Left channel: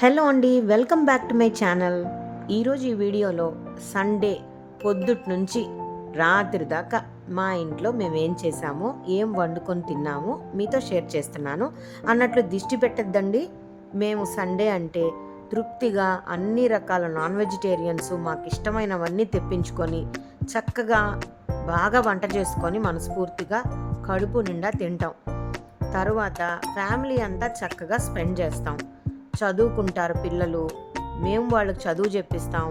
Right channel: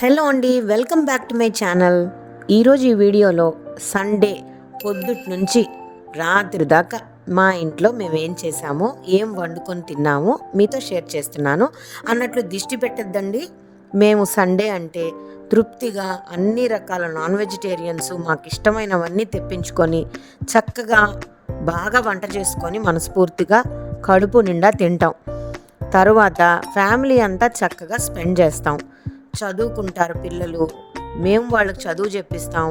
Hello అండి, welcome back to my channel. ఈరోజు ఈ వీడియోలో సండే పొద్దుటి నుంచి రాత్రి దాకా మా ఇంట్లో మేము ఏం చేసామో, ఏం వండుకొని తిన్నామో మీతో షేర్ చేస్తున్నాను. అన్నట్లు దిష్టి పెట్టద్దండి. మేము సండే అంటే తృప్తిగా అన్ని రకాల నాన్ వెజిటేరియన్స్ మాకు ఇష్టమైనవన్నీ తెప్పించుకొని చక్కగా బాగా వంట చేసుకొని మనస్ఫూర్తిగా కడుపు నిండా తింటాం. తరువాత ఫ్యామిలీ అంతా చక్కగా స్పెండ్ చేస్తాం. చదువుకుంటారు పిల్లలు, మేము వాళ్ళకి చదువు చెప్పిస్తాం,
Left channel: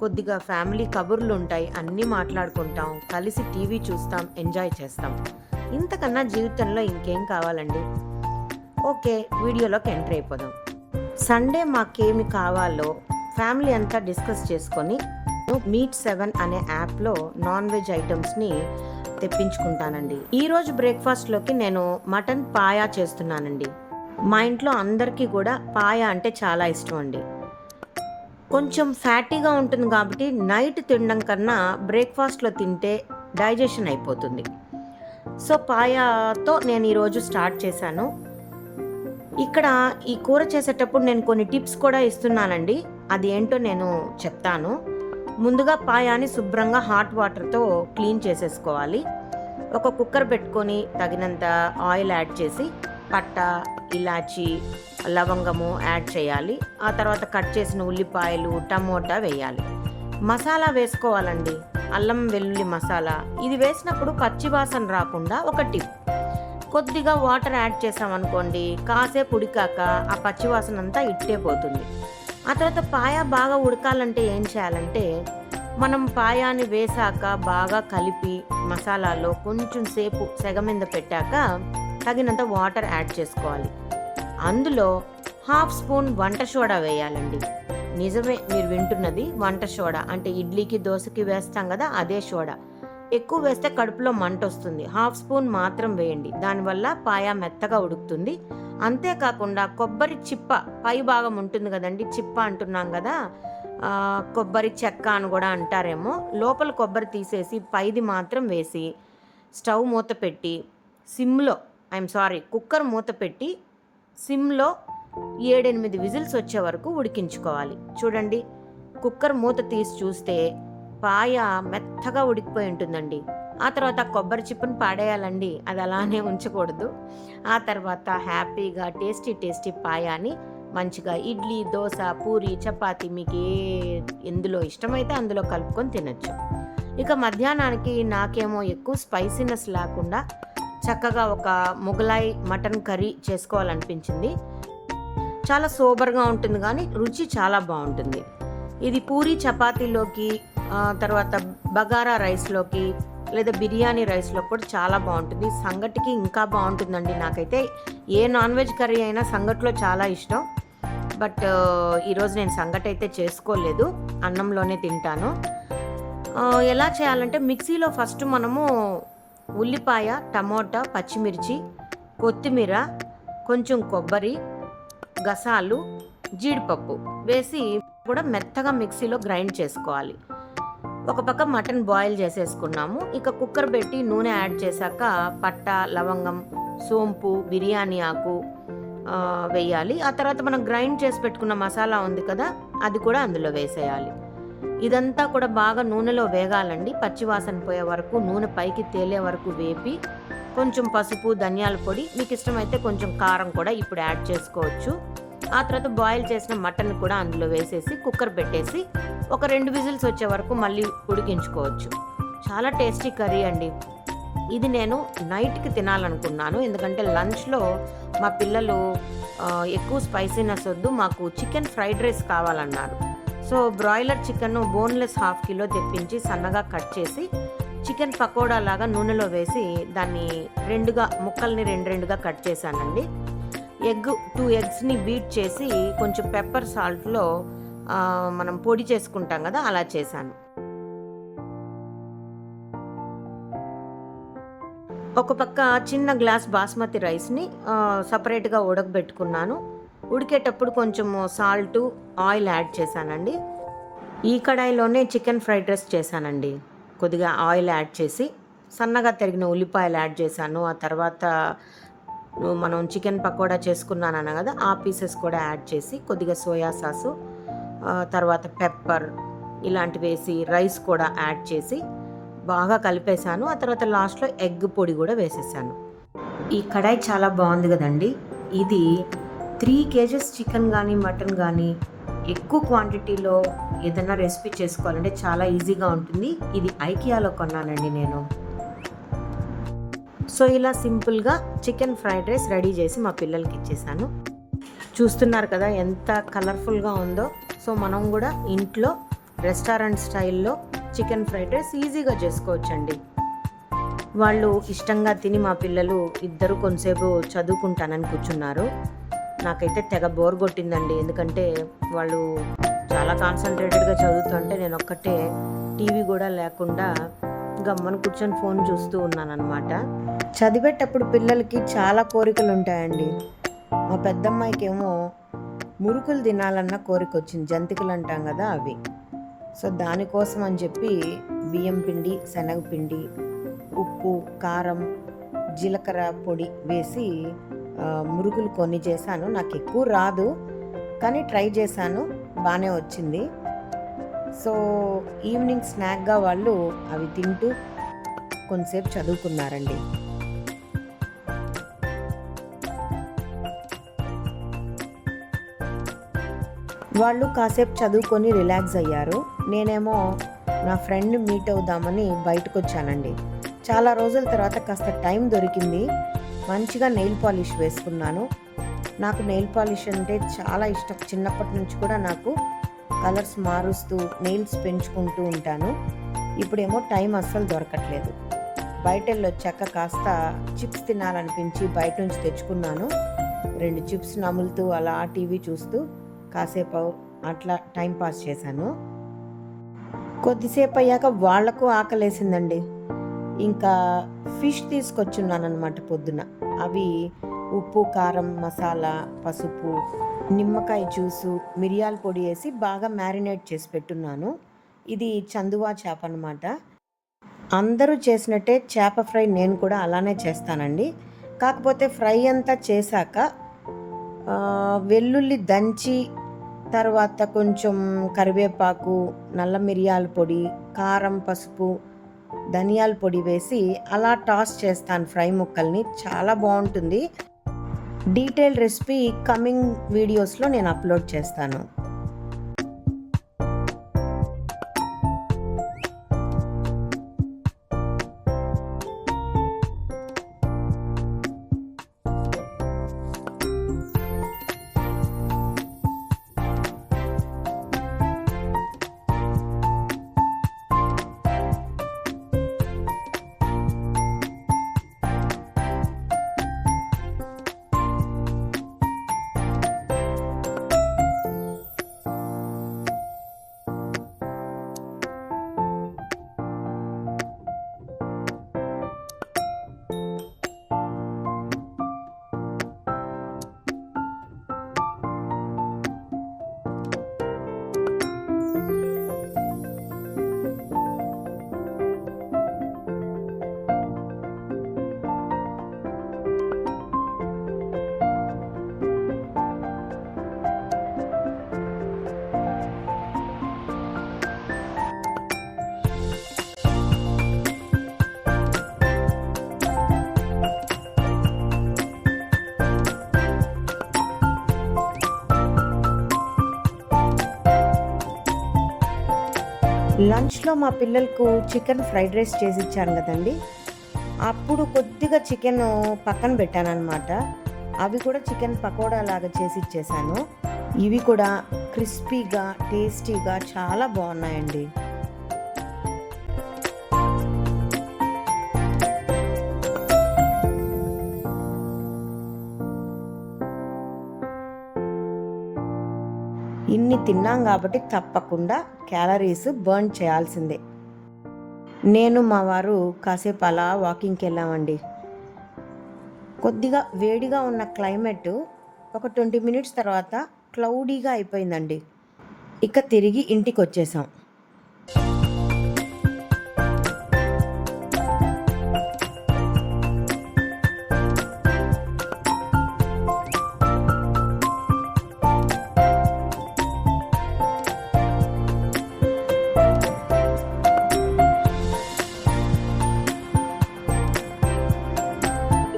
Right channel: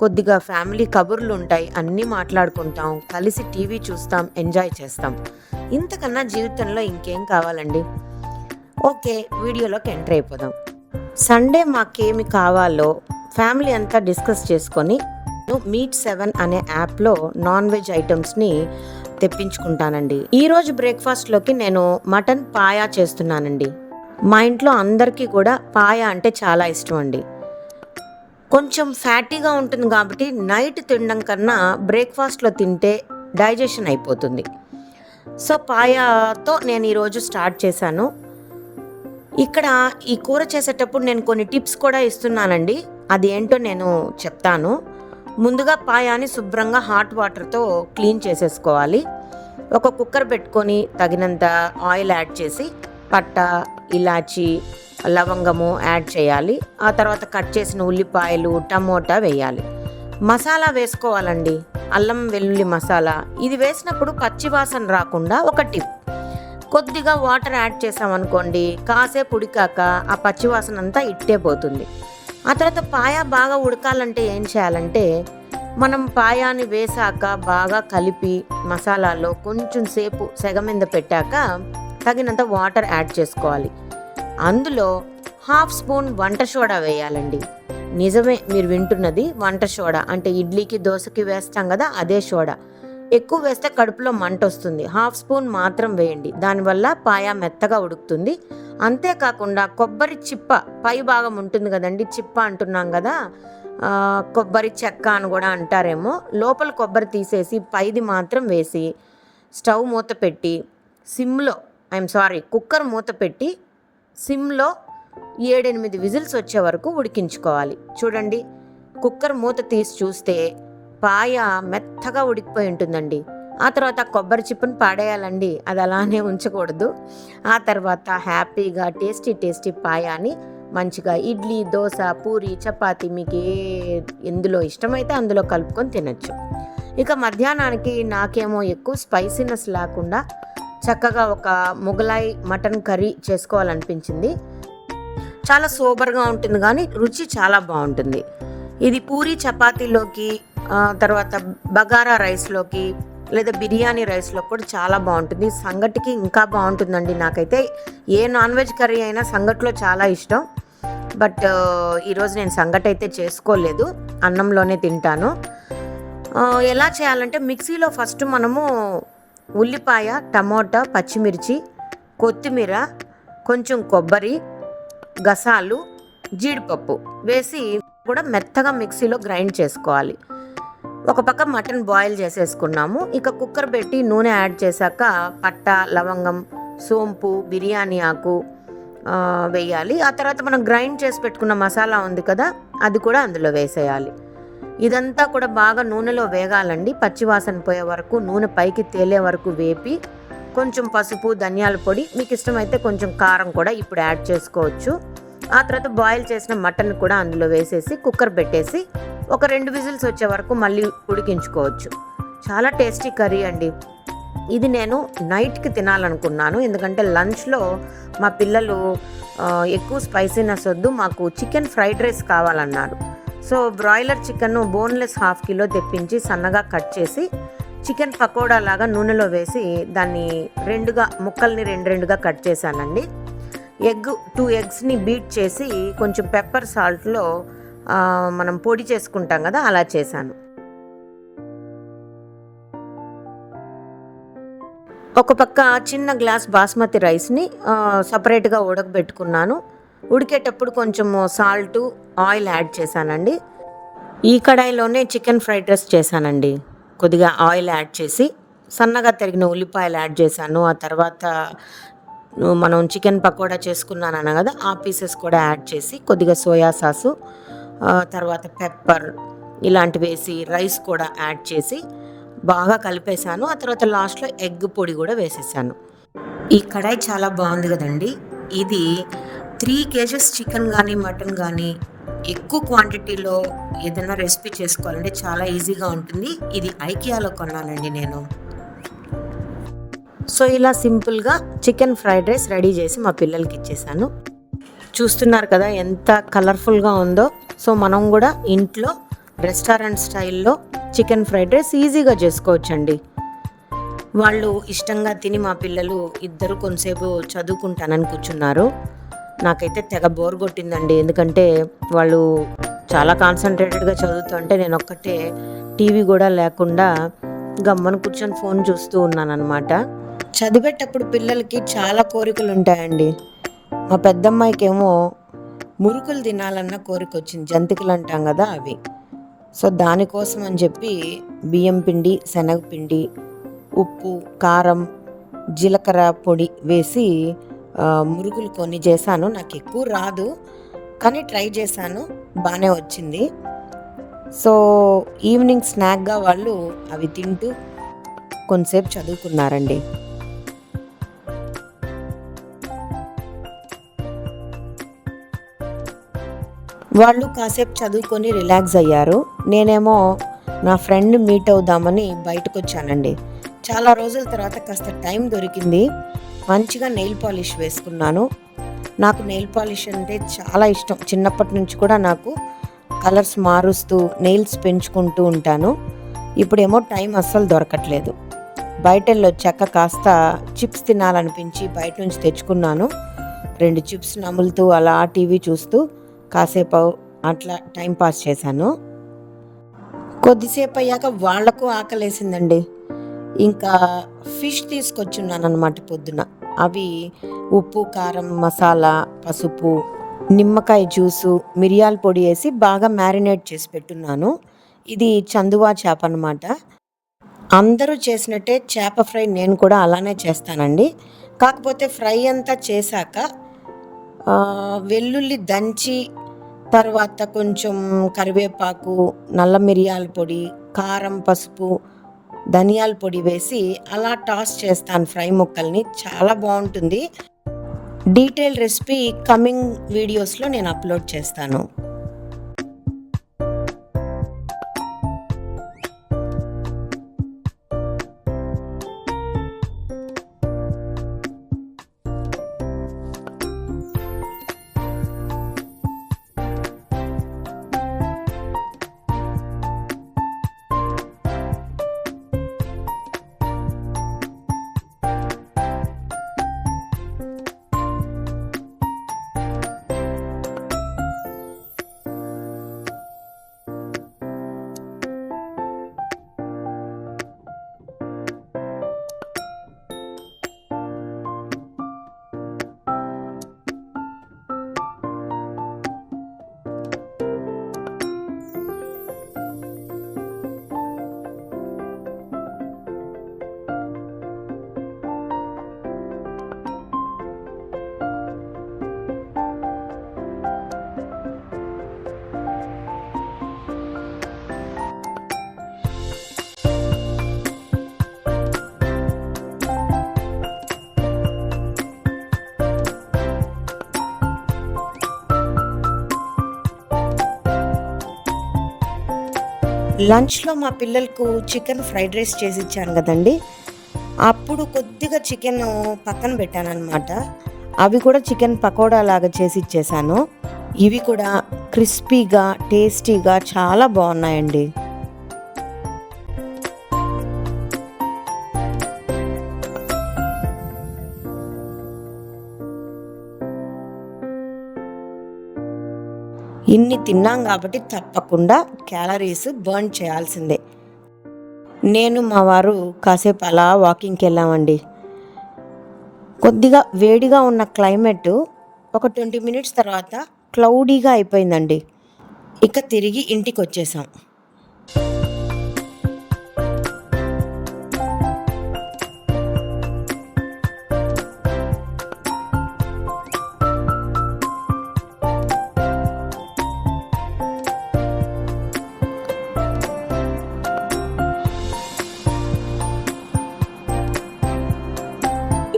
కొద్దిగా ఫ్యామిలీ కబుర్లు ఉంటాయి, అన్నీ మాట్లాడుకుంటాం, కలిసి టీవీ చూస్తాం, ఎంజాయ్ చేస్తాం. ఇంతకన్నా జీవితంలో ఇంకేం కావాలండి. ఓకే, వీడియోలోకి ఎంటర్ అయిపోదాం. సండే మాకేమి కావాలో ఫ్యామిలీ అంతా డిస్కస్ చేసుకొని Meet7 అనే యాప్లో నాన్ వెజ్ ఐటమ్స్ని తెప్పించుకుంటానండి. ఈరోజు బ్రేక్ఫాస్ట్లోకి నేను మటన్ పాయా చేస్తున్నానండి. మా ఇంట్లో అందరికీ కూడా పాయ అంటే చాలా ఇష్టం అండి. కొంచెం ఫ్యాటీగా ఉంటుంది కాబట్టి నైట్ తినడం కన్నా బ్రేక్ఫాస్ట్లో తింటే డైజెషన్ అయిపోతుంది. సో పాయాతో నేను ఈరోజు స్టార్ట్ చేశాను. ఇక్కడ ఈ కూర చేసేటప్పుడు నేను కొన్ని టిప్స్ కూడా ఇస్తున్నానండి. అది ఏంటో నేను చెప్తాను. ముందుగా పాయాని శుభ్రంగా హాట్ వాటర్తో క్లీన్ చేసేసుకోవాలి. ఒక కుక్కర్ పెట్టుకొని తగినంత ఆయిల్ యాడ్ చేసి పట్ట, ఇలాచి, లవంగము యాడ్ చేయాలి. ఆ తర్వాత కట్ చేసిన ఉల్లిపాయలు, టమోటా వేయాలి. మసాలా వేసుకోవాలండి, అల్లం వెల్లుల్లి మసాలా. ఇది వేసినప్పుడు పచ్చివాసన రాకుండా ఒక టిప్, కొద్దిగా వాటర్ యాడ్ చేసామనుకోండి, కాసేపు ఉడికాక ఆ పచ్చివాసన అంతా ఇట్టే పోతుంది. ఆ తర్వాత పాయ బాగా ఉడకాలంటే ఏం చేయాలంటే, మనం పాయాని వేసాక బాగా కలిపి మసాలాలో కొంచెం సేపు సెగ మీద పెట్టాక తగినంత వాటర్ యాడ్ చేసుకోవాలి. అందులో 1/2 స్పూన్ వంట సోడా వేయాలండి. నిజమే, మీరు వింటున్నది వంట సోడా. అంటే ఇడ్లీకి, దోశకి వేస్తాం కదా, అదే సోడా. ఎక్కువ వేస్తే కడుపులో మంట వస్తుంది. 1/2 స్పూన్ మాత్రం వేయండి. దానివల్ల పాయ మెత్తగా ఉడుకుతుంది. అంతేకాకుండా కొబ్బరి చిప్ప పై భాగం ఉంటుంది కదండి, చిప్ప అంటున్నాం కదా, కొబ్బరి చెక్క అని కూడా అంటారేమో. లోపల కొబ్బరి తీసేసి పైది మాత్రం వేసి స్టవ్ మూత పెట్టి కుక్కర్ మూత పెట్టి సిమ్లో 7-8 విజిల్స్ వచ్చే వరకు ఉడికించుకోవాలి. చూడండి, కుక్కర్ మూత తీసి చూస్తే పాయ మెత్తగా ఉడికిపోయి ఉంటుందండి. ఆ తర్వాత కొబ్బరి చిప్పను పాడేయాలండి, అది అలానే ఉంచకూడదు. ఆ తర్వాత హ్యాపీగా టేస్టీ పాయాని మంచిగా ఇడ్లీ, దోశ, పూరి, చపాతి మీకు ఎందులో ఇష్టమైతే అందులో కలుపుకొని తినచ్చు. ఇక మధ్యాహ్నానికి నాకేమో ఎక్కువ స్పైసీనెస్ లేకుండా చక్కగా ఒక మొగలాయి మటన్ కర్రీ చేసుకోవాలనిపించింది. చాలా సోబర్గా ఉంటుంది కానీ రుచి చాలా బాగుంటుంది. ఇది పూరి చపాతీలోకి, తర్వాత బగారా రైస్లోకి, లేదా బిర్యానీ రైస్లో కూడా చాలా బాగుంటుంది. సంగటికి ఇంకా బాగుంటుందండి. నాకైతే ఏ నాన్ వెజ్ కర్రీ అయినా సంగట్లో చాలా ఇష్టం. బట్ ఈరోజు నేను సంగటి అయితే చేసుకోలేదు, అన్నంలోనే తింటాను. ఎలా చేయాలంటే, మిక్సీలో ఫస్ట్ మనము ఉల్లిపాయ, టమోటా, పచ్చిమిర్చి, కొత్తిమీర, కొంచెం కొబ్బరి, గసాలు, జీడిపప్పు వేసి కూడా మెత్తగా మిక్సీలో గ్రైండ్ చేసుకోవాలి. ఒక పక్క మటన్ బాయిల్ చేసేసుకున్నాము. ఇక కుక్కర్ పెట్టి నూనె యాడ్ చేశాక పట్ట, లవంగం, సోంపు, బిర్యానీ ఆకు వేయాలి. ఆ తర్వాత మనం గ్రైండ్ చేసి పెట్టుకున్న మసాలా ఉంది కదా, అది కూడా అందులో వేసేయాలి. ఇదంతా కూడా బాగా నూనెలో వేగాలండి. పచ్చివాసన పోయే వరకు, నూనె పైకి తేలే వరకు వేపి కొంచెం పసుపు, ధనియాల పొడి, మీకు ఇష్టమైతే కొంచెం కారం కూడా ఇప్పుడు యాడ్ చేసుకోవచ్చు. ఆ తర్వాత బాయిల్ చేసిన మటన్ కూడా అందులో వేసేసి కుక్కర్ పెట్టేసి ఒక 2 విజిల్స్ వచ్చే వరకు మళ్ళీ ఉడికించుకోవచ్చు. చాలా టేస్టీ కర్రీ అండి. ఇది నేను నైట్కి తినాలనుకున్నాను, ఎందుకంటే లంచ్లో మా పిల్లలు ఎక్కువ స్పైసీనెస్ వద్దు, మాకు చికెన్ ఫ్రైడ్ రైస్ కావాలన్నారు. So broiler chicken boneless 1/2 kilo తెప్పించి సన్నగా కట్ చేసి చికెన్ పకోడా లాగా నూనెలో వేసి దాన్ని ముక్కల్ని రెండుగా కట్ చేశానండి. 2 ఎగ్స్ని బీట్ చేసి కొంచెం పెప్పర్ సాల్ట్లో మనం పొడి చేసుకుంటాం కదా, అలా చేశాను. ఒక పక్క చిన్న గ్లాస్ బాస్మతి రైస్ని సపరేట్గా ఉడకబెట్టుకున్నాను. ఉడికేటప్పుడు కొంచెం సాల్టు, ఆయిల్ యాడ్ చేశానండి. ఈ కడాయిలోనే చికెన్ ఫ్రైడ్ రైస్ చేశానండి. కొద్దిగా ఆయిల్ యాడ్ చేసి సన్నగా తరిగిన ఉల్లిపాయలు యాడ్ చేశాను. ఆ తర్వాత మనం చికెన్ పకోడా చేసుకున్నానన్నా కదా, ఆ పీసెస్ కూడా యాడ్ చేసి కొద్దిగా సోయా సాసు, తర్వాత పెప్పర్ ఇలాంటివి వేసి రైస్ కూడా యాడ్ చేసి బాగా కలిపేశాను. ఆ తర్వాత లాస్ట్లో ఎగ్ పొడి కూడా వేసేసాను. ఈ కడాయి చాలా బాగుంది కదండి. ఇది 3 కేజెస్ చికెన్ కానీ మటన్ కానీ ఎక్కువ క్వాంటిటీలో ఏదైనా రెసిపీ చేసుకోవాలంటే చాలా ఈజీగా ఉంటుంది. ఇది ఐకియాలో కొన్నానండి నేను. సో ఇలా సింపుల్గా చికెన్ ఫ్రైడ్ రైస్ రెడీ చేసి మా పిల్లలకి ఇచ్చేసాను. చూస్తున్నారు కదా ఎంత కలర్ఫుల్గా ఉందో. సో మనం కూడా ఇంట్లో రెస్టారెంట్ స్టైల్లో చికెన్ ఫ్రైడ్ రైస్ ఈజీగా చేసుకోవచ్చండి. వాళ్ళు ఇష్టంగా తిని మా పిల్లలు ఇద్దరు కొంతసేపు చదువుకుంటానని కూర్చున్నారు. నాకైతే తెగ బోర్ కొట్టిందండి. ఎందుకంటే వాళ్ళు చాలా కాన్సన్ట్రేటెడ్గా చదువుతుంటే నేను ఒక్కటే టీవీ కూడా లేకుండా గమ్మన కూర్చొని ఫోన్ చూస్తూ ఉన్నాను అనమాట. చదివేటప్పుడు పిల్లలకి చాలా కోరికలు ఉంటాయండి. మా పెద్దమ్మాయికేమో మురుకులు తినాలన్న కోరిక వచ్చింది. జంతికలు అంటాం కదా అవి. సో దానికోసం అని చెప్పి బియ్యం పిండి, శనగపిండి, ఉప్పు, కారం, జీలకర్ర పొడి వేసి మురుకులు కొన్ని చేశాను. నాకు ఎక్కువ రాదు కానీ ట్రై చేశాను, బాగానే వచ్చింది. సో ఈవినింగ్ స్నాక్గా వాళ్ళు అవి తింటూ కొంతసేపు చదువుకున్నారండి. వాళ్ళు కాసేపు చదువుకొని రిలాక్స్ అయ్యారు. నేనేమో నా ఫ్రెండ్ మీట్ అవుదామని బయటకు వచ్చానండి. చాలా రోజుల తర్వాత కాస్త టైం దొరికింది. మంచిగా నెయిల్ పాలిష్ వేసుకున్నాను. నాకు నెయిల్ పాలిష్ అంటే చాలా ఇష్టం. చిన్నప్పటి నుంచి కూడా నాకు కలర్స్ మారుస్తూ నెయిల్స్ పెంచుకుంటూ ఉంటాను. ఇప్పుడేమో టైం అస్సలు దొరకట్లేదు. బయట వెళ్ళొచ్చాక కాస్త చిప్స్ తినాలనిపించి బయట నుంచి తెచ్చుకున్నాను. 2 చిప్స్ నములుతూ అలా టీవీ చూస్తూ కాసేపు అట్లా టైం పాస్ చేశాను. కొద్దిసేపు అయ్యాక వాళ్లకు ఆకలేసిందండి. ఇంకా ఫిష్ తీసుకొచ్చున్నాను అనమాట పొద్దున. అవి ఉప్పు, కారం, మసాలా, పసుపు, నిమ్మకాయ జ్యూసు, మిరియాల పొడి వేసి బాగా మ్యారినేట్ చేసి పెట్టున్నాను. ఇది చందువా చేప అనమాట. అందరూ చేసినట్టే చేప ఫ్రై నేను కూడా అలానే చేస్తానండి. కాకపోతే ఫ్రై అంతా చేశాక వెల్లుల్లి దంచి తర్వాత కొంచెం కరివేపాకు, నల్ల మిరియాల పొడి, కారం, పసుపు, ధనియాల పొడి వేసి అలా టాస్ చేస్తాను ఫ్రై ముక్కల్ని. చాలా బాగుంటుంది. డీటెయిల్ రెసిపీ కమింగ్ వీడియోస్లో నేను అప్లోడ్ చేస్తాను. లంచ్లో మా పిల్లలకు చికెన్ ఫ్రైడ్ రైస్ చేసి ఇచ్చాను కదండి. అప్పుడు కొద్దిగా చికెన్ పక్కన పెట్టాను అనమాట. అవి కూడా చికెన్ పకోడా లాగా చేసి ఇచ్చేసాను. ఇవి కూడా క్రిస్పీగా టేస్టీగా చాలా బాగున్నాయండి. ఇన్ని తిన్నాం కాబట్టి తప్పకుండా క్యాలరీస్ బర్న్ చేయాల్సిందే. నేను మా వారు కాసేపు అలా వాకింగ్కి వెళ్ళామండి. కొద్దిగా వేడిగా ఉన్న క్లైమేట్ ఒక 20 మినిట్స్ తర్వాత క్లౌడీగా అయిపోయిందండి. ఇక తిరిగి ఇంటికి వచ్చేసాం.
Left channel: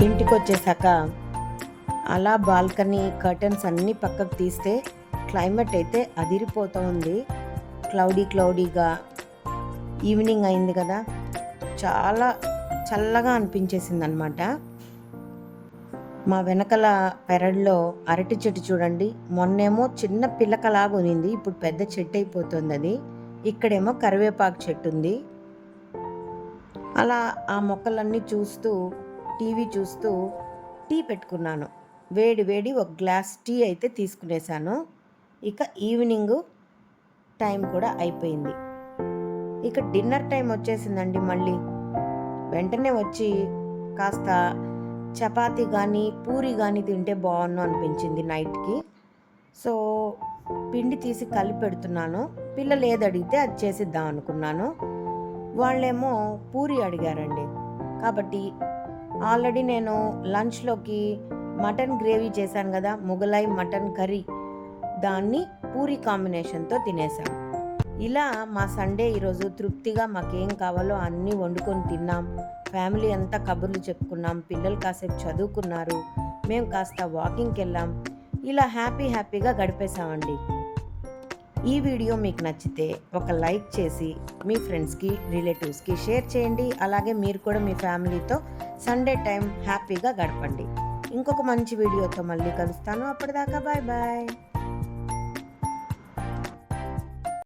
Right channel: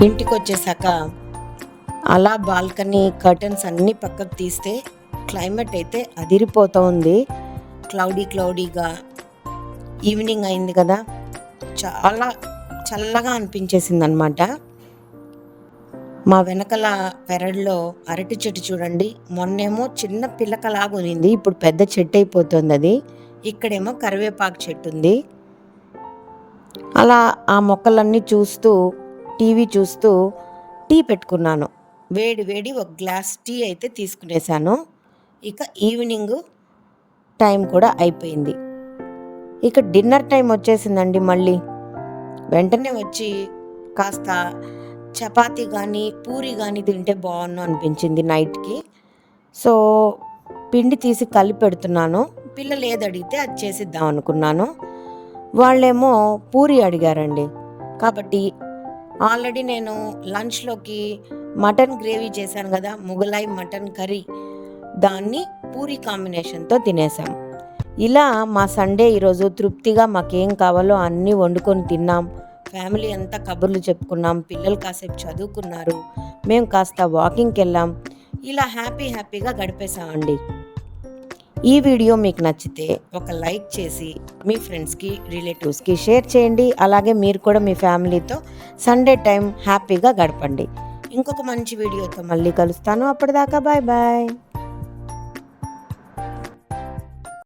ఇంటికి వచ్చేసాక అలా బాల్కనీ కర్టన్స్ అన్నీ పక్కకు తీస్తే క్లైమేట్ అయితే అదిరిపోతూ ఉంది. క్లౌడీగా ఈవినింగ్ అయింది కదా, చాలా చల్లగా అనిపించేసింది అనమాట. మా వెనకల పెరడులో అరటి చెట్టు చూడండి, మొన్నేమో చిన్న పిల్లకలాగా ఉన్నింది, ఇప్పుడు పెద్ద చెట్టు అయిపోతుంది అది. ఇక్కడేమో కరివేపాకు చెట్టు ఉంది. అలా ఆ మొక్కలన్నీ చూస్తూ టీవీ చూస్తూ టీ పెట్టుకున్నాను. వేడి ఒక గ్లాస్ టీ అయితే తీసుకునేసాను. ఇక ఈవినింగ్ టైం కూడా అయిపోయింది. ఇక డిన్నర్ టైం వచ్చేసిందండి. మళ్ళీ వెంటనే వచ్చి కాస్త చపాతీ కానీ పూరి కానీ తింటే బాగుండు అనిపించింది నైట్కి. సో పిండి తీసి కలిపి పెడుతున్నాను. పిల్లలు ఏది అడిగితే అది చేసిద్దాం అనుకున్నాను. వాళ్ళేమో పూరి అడిగారండి. కాబట్టి ఆల్రెడీ నేను లంచ్లోకి మటన్ గ్రేవీ చేశాను కదా, మొగలాయి మటన్ కర్రీ, దాన్ని పూరి కాంబినేషన్తో తినేసాం. ఇలా మా సండే ఈరోజు తృప్తిగా మాకేం కావాలో అన్నీ వండుకొని తిన్నాం. ఫ్యామిలీ అంతా కబుర్లు చెప్పుకున్నాం. పిల్లలు కాసేపు చదువుకున్నారు, మేము కాస్త వాకింగ్కి వెళ్ళాం. ఇలా హ్యాపీగా గడిపేశామండి. ఈ వీడియో మీకు నచ్చితే ఒక లైక్ చేసి మీ ఫ్రెండ్స్కి రిలేటివ్స్కి షేర్ చేయండి. అలాగే మీరు కూడా మీ ఫ్యామిలీతో సండే టైం హ్యాపీగా గడపండి. ఇంకొక మంచి వీడియోతో మళ్ళీ కలుస్తాను. అప్పటిదాకా బాయ్.